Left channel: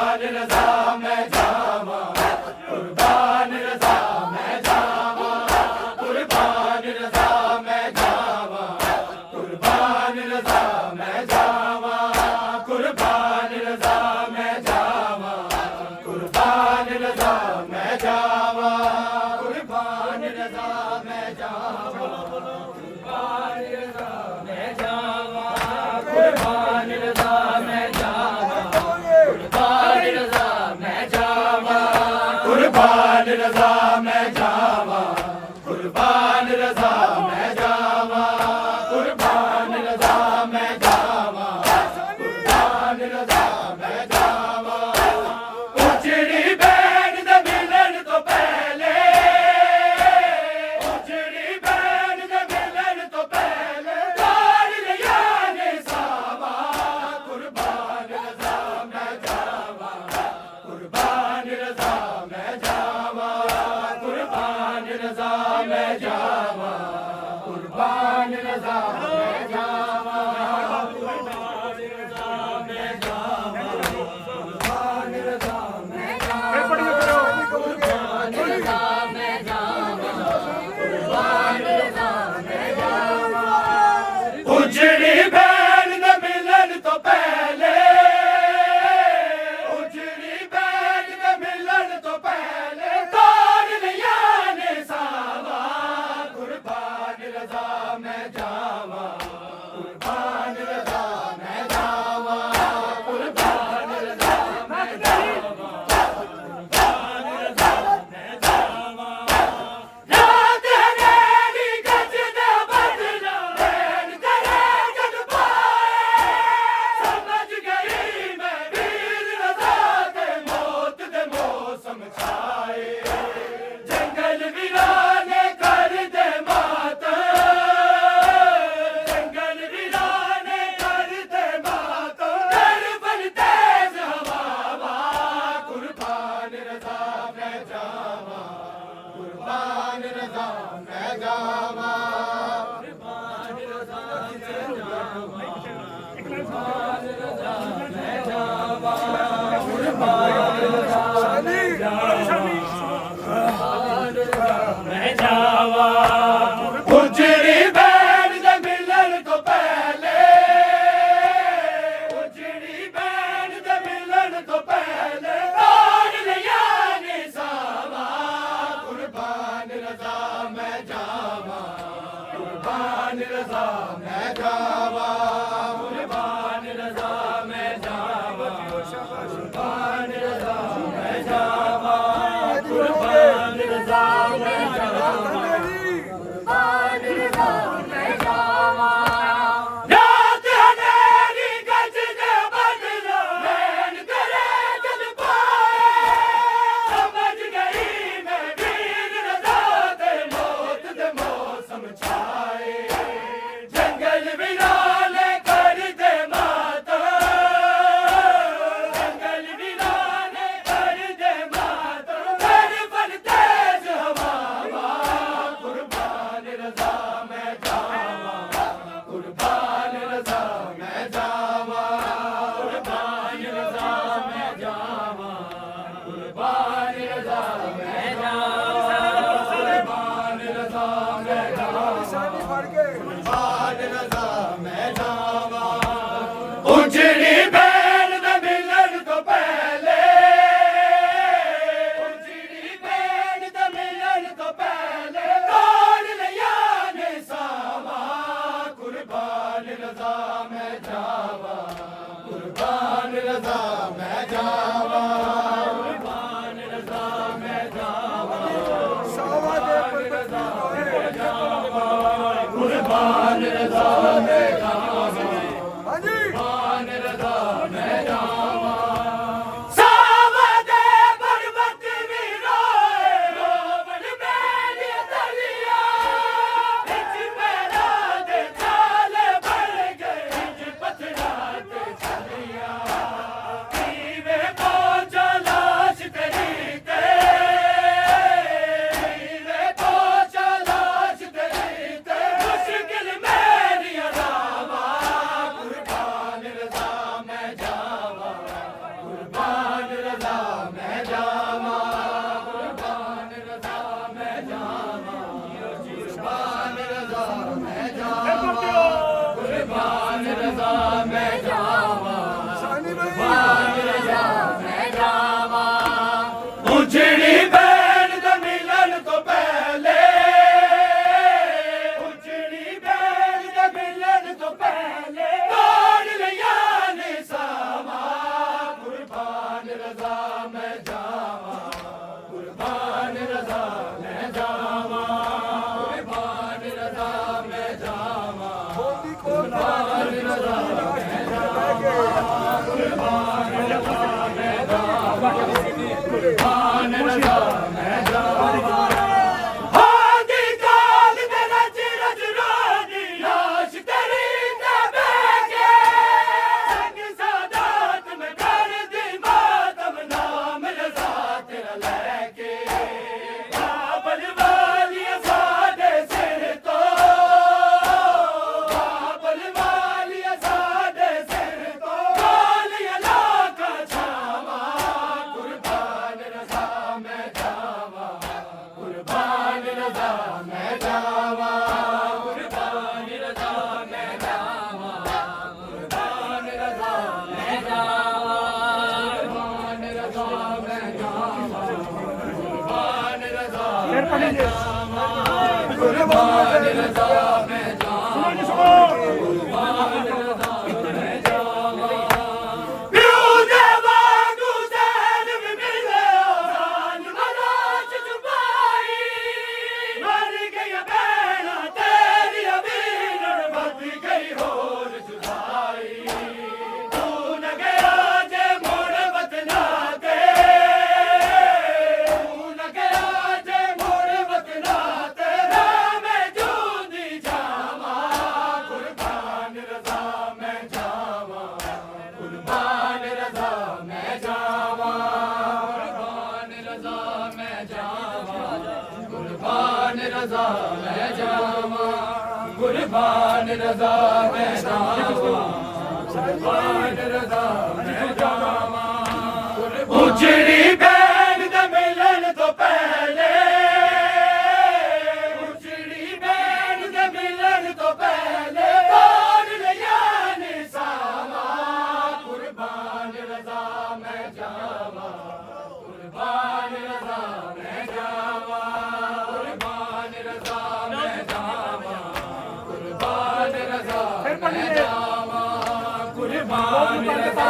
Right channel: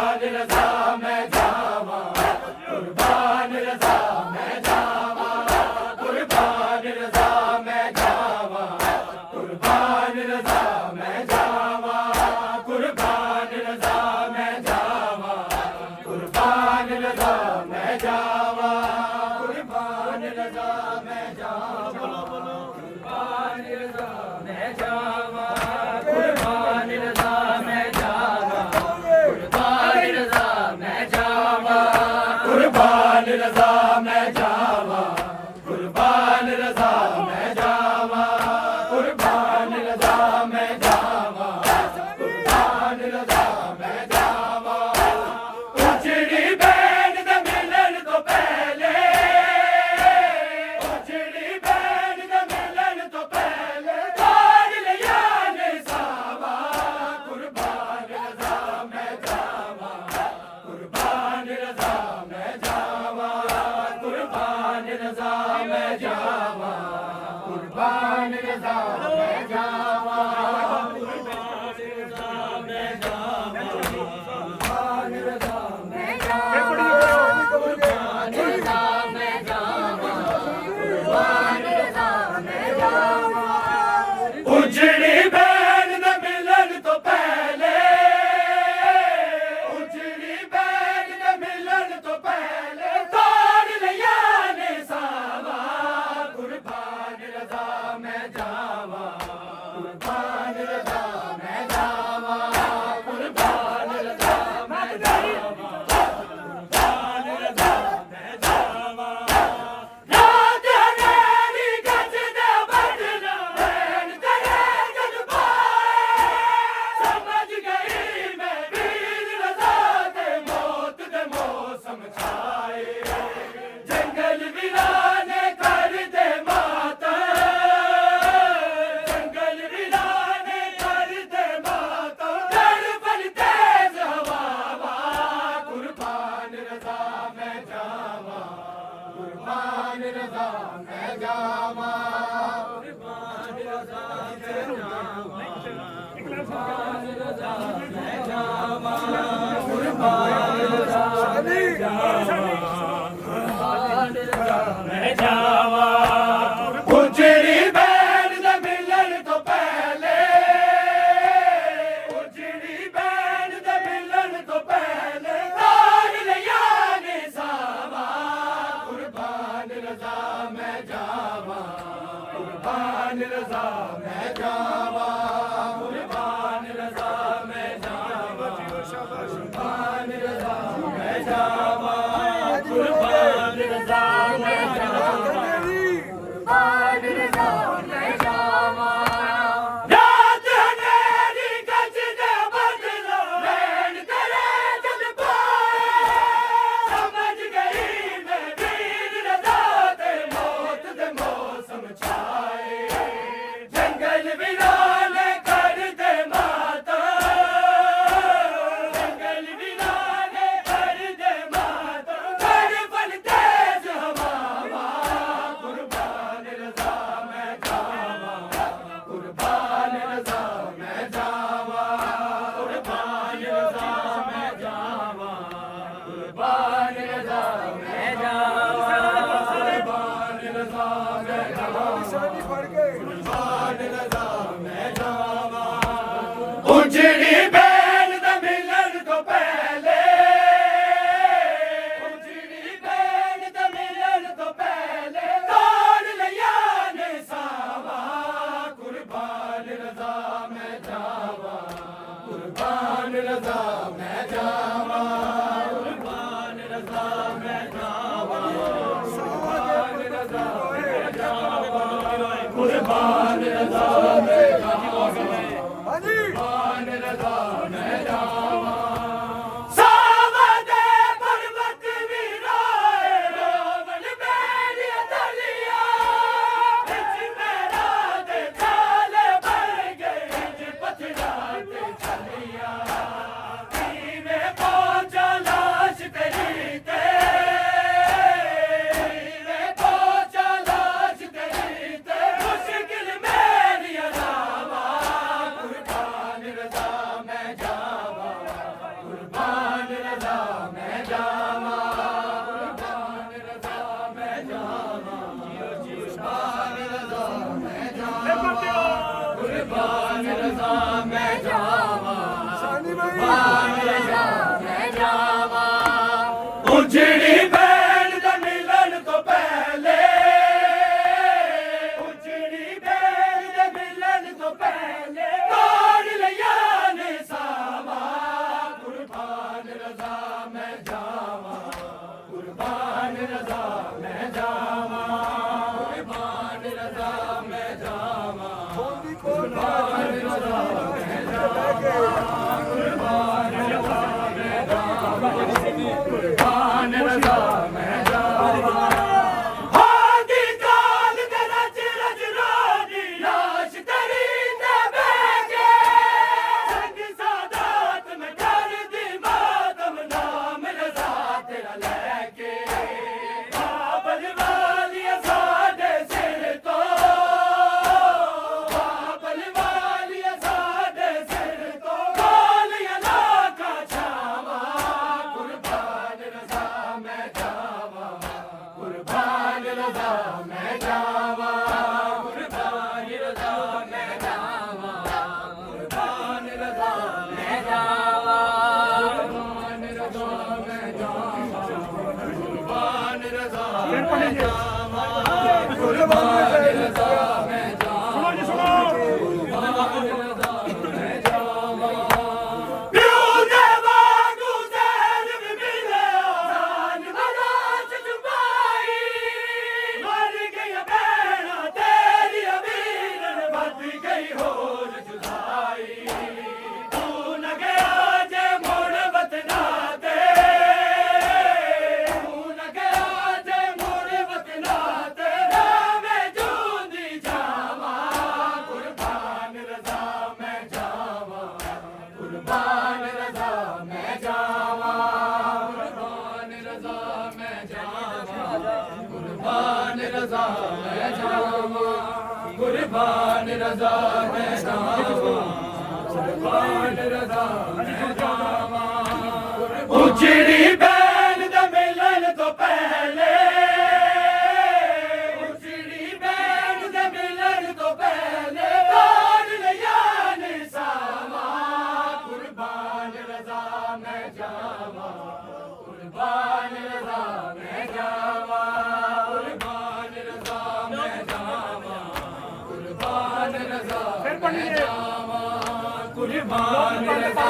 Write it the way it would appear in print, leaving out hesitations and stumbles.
रज़ा मैं जावा कुर्बान रज़ा मैं जावा कुर्बान रज़ा मैं जावा कुर्बान रज़ा मैं जावा कुर्बान रज़ा मैं जावा कुर्बान रज़ा मैं जावा कुर्बान रज़ा मैं जावा कुर्बान रज़ा मैं जावा कुर्बान रज़ा मैं जावा कुर्बान रज़ा मैं जावा कुर्बान रज़ा मैं जावा कुर्बान रज़ा मैं जावा कुर्बान रज़ा मैं जावा कुर्बान रज़ा मैं जावा उजड़ी बैन दे मिलन तो पहले उजड़ी बैन दे मिलन तो पहले तार लिया ने सावा कुर्बान रज़ा मैं जावा कुर्बान रज़ा मैं जावा कुर्बान रज़ा मैं जावा कुर्बान रज़ा मैं जावा कुर्बान रज़ा मैं जावा कुर्बान रज़ा मैं जावा कुर्बान रज़ा मैं जावा कुर्बान रज़ा मैं जावा उजड़ी बैन दे मिलन तो पहले उजड़ी बैन दे मिलन तो पहले तार लिया ने सावा कुर्बान रज़ा मैं जावा कुर्बान रज़ा मैं जावा कुर्बान रज़ा मैं जावा कुर्बान रज़ा मैं जावा रात हनेरी गज दे बदला बैन तेरे जग पाए समझ गई मैं वीर रज़ा दे मौत दे मौसम छाए जंगल वीराने कर दे माता जंगल वीराने कर दे माता डर पर तेज हवा कुर्बान रज़ा मैं जावा कुर्बान रज़ा मैं जावा कुर्बान रज़ा मैं जावा कुर्बान रज़ा मैं जावा कुर्बान रज़ा मैं जावा मैं जावा उजड़ी बैन दे मिलन तो पहले उजड़ी बैन दे मिलन तो पहले तार लिया ने सावा कुर्बान रज़ा मैं जावा कुर्बान रज़ा मैं जावा कुर्बान रज़ा मैं जावा कुर्बान रज़ा मैं जावा कुर्बान रज़ा मैं जावा कुर्बान रज़ा मैं जावा रात हनेरी गज दे बदला बैन तेरे जग पाए समझ गई मैं वीर रज़ा दे मौत दे मौसम छाए जंगल वीराने कर दे माता जंगल वीराने कर दे माता डर पर तेज हवा कुर्बान रज़ा मैं जावा कुर्बान रज़ा मैं जावा कुर्बान रज़ा मैं जावा कुर्बान रज़ा मैं जावा कुर्बान रज़ा मैं जावा कुर्बान रज़ा मैं जावा उजड़ी बैन दे मिलन तो पहले उजड़ी बैन दे मिलन तो पहले तार लिया ने सावा कुर्बान रज़ा मैं जावा कुर्बान रज़ा मैं जावा कुर्बान रज़ा मैं जावा कुर्बान रज़ा मैं जावा कुर्बान रज़ा मैं जावा कुर्बान रज़ा मैं जावा सावदे पर्वत वीराए रोवन मेरी दलिया बिच मेरा दे चाले भर गए बिच पथरा ते चलिया कीवे पहुंचा लाश तेरी ते कीवे पहुंचा लाश तेरी ते मुश्किल मेरी अदावा कुर्बान रज़ा मैं जावा कुर्बान रज़ा मैं जावा सानी भाई कुर्बान रज़ा मैं जावा उजड़ी बैल दा मिलन तो पहले उजड़ी बैल दा मिलन तो पहले तोड़ लिया ने सावा कुर्बान रज़ा मैं जावा कुर्बान रज़ा मैं जावा कुर्बान रज़ा मैं जावा बोली कोल कुर्बान रज़ा मैं जावा कुर्बान रज़ा मैं जावा कुर्बान रज़ा मैं जावा हादी काल दे रज रज रोदी लाश तेरी ते बैठे संग सादात में कर दी मातम नाम रज़ा तेरा लेके बाबल वालिया सादे सिर तो बाबल वालिया सादे सिर तो वालिया लाखा छावा कुर्बान रज़ा मैं जावा कुर्बान रज़ा मैं जावा कुर्बान रज़ा मैं जावा कुर्बान रज़ा मैं जावा कुर्बान रज़ा मैं जावा कुर्बान रज़ा मैं जावा कुर्बान रज़ा मैं जावा कुर्बान रज़ा मैं जावा प्यूदे वांगू ज़ैन भी मिले जान मराज जुबाई मर गई बैना तेरी अमीर बद गई होर जुदाई तू न गया जे मोड़ वतना ते तू न गया जे मोड़ वतना ते मैं जूंदी जावा कुर्बान रज़ा मैं जावा कुर्बान रज़ा मैं जावा कुर्बान रज़ा मैं जावा कुर्बान रज़ा मैं जावा कुर्बान रज़ा मैं जावा कुर्बान रज़ा मैं जावा उजड़ी बैल दा मिलन तो पहले उजड़ी बैल दा मिलन तो पहले तोड़ लिया ने सावा कुर्बान रज़ा मैं जावा कुर्बान रज़ा मैं जावा कुर्बान रज़ा मैं जावा कुर्बान रज़ा मैं जावा कुर्बान रज़ा